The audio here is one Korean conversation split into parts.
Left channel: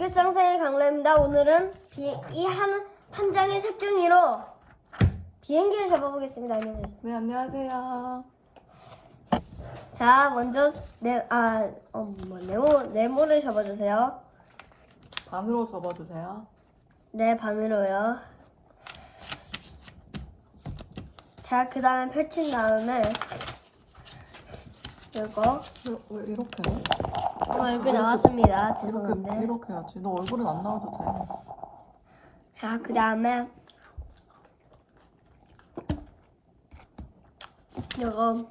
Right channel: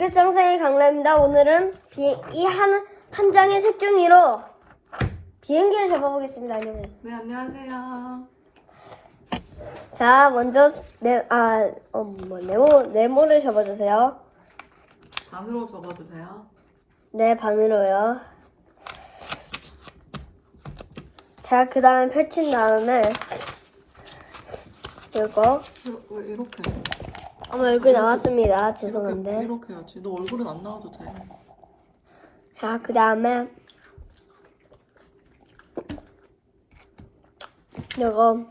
일상생의 강라입니다. 오늘은 이한 한 장의 색종이로 비행기를 잡아보겠습니다. 안녕하세요. 네, 안녕하세요. 자, 먼저 네, 아, 어, 뭐 네모 네모를 접어주세요. 반으로 접어주세요. 네, 반으로요. 자, 그 다음에 펼친 다음에 이거 왜, 왜 이렇게 해? 어, 얼굴 나왔습니다. 죄송한데. 이렇게 해야지. 너 얼굴은 안 나와도 돼. 자, 그 다음에 이거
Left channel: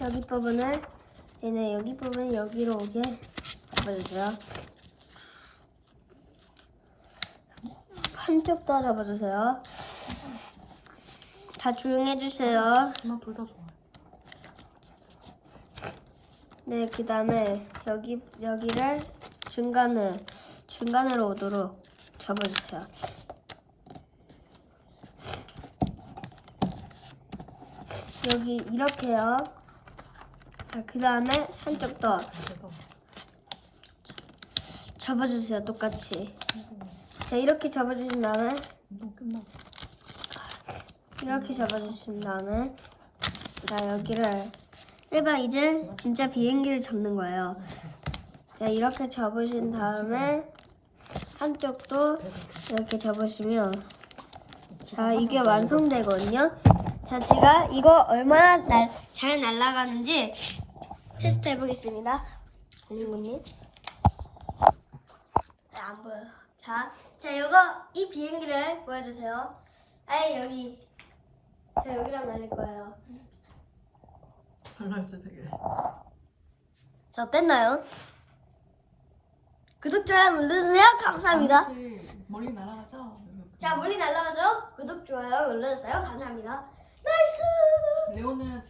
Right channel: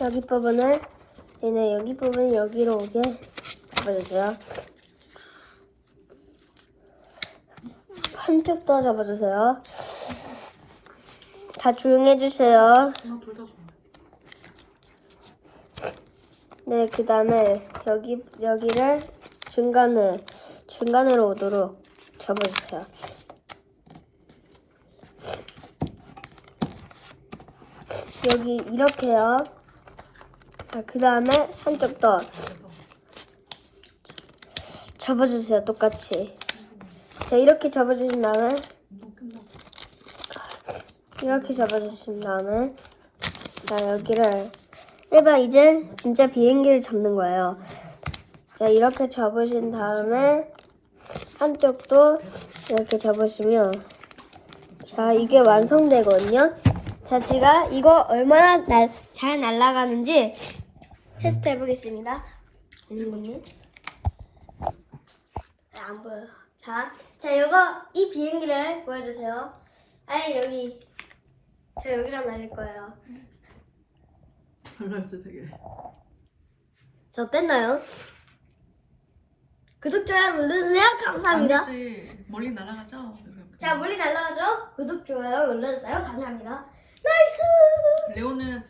여기 부분을 얘네 여기 부분 여기로 오게 잡아주세요. 한쪽 더 잡아주세요. 다 조용히 해주세요. 하나, 둘다 좋아. 네, 그 다음에 여기 여기를 중간을 중간으로 오도록 접어주세요. 여기 이렇게요. 자, 그 다음에 한쪽 더 접어주세요. 똑같이. 자, 이렇게 접어주신 다음에. 이렇게 접어주신 다음에 자 여기를 일반 이제 진짜 비행기를 접는 거예요. 자 이렇게 접으신 다음에 한쪽도 이렇게 접으시면 자 이게 완성되거든요. 자 제가 이거 얼마나 날, 잘 날아가는지 테스트 해보겠습니다. 안 보여요. 자, 자 이거 이 비행기를 보여주세요. 아예 여기 저 여기랑 날릴 거예요. 잘 날지 되게. 저 어땠나요? 구독, 좋아요 눌러주세요. 감사합니다. 아니지. 멀리 날아가죠? 자, 멀리 날아가죠? 구독, 좋아요 눌러주세요. 감사합니다. 나이스! 레오는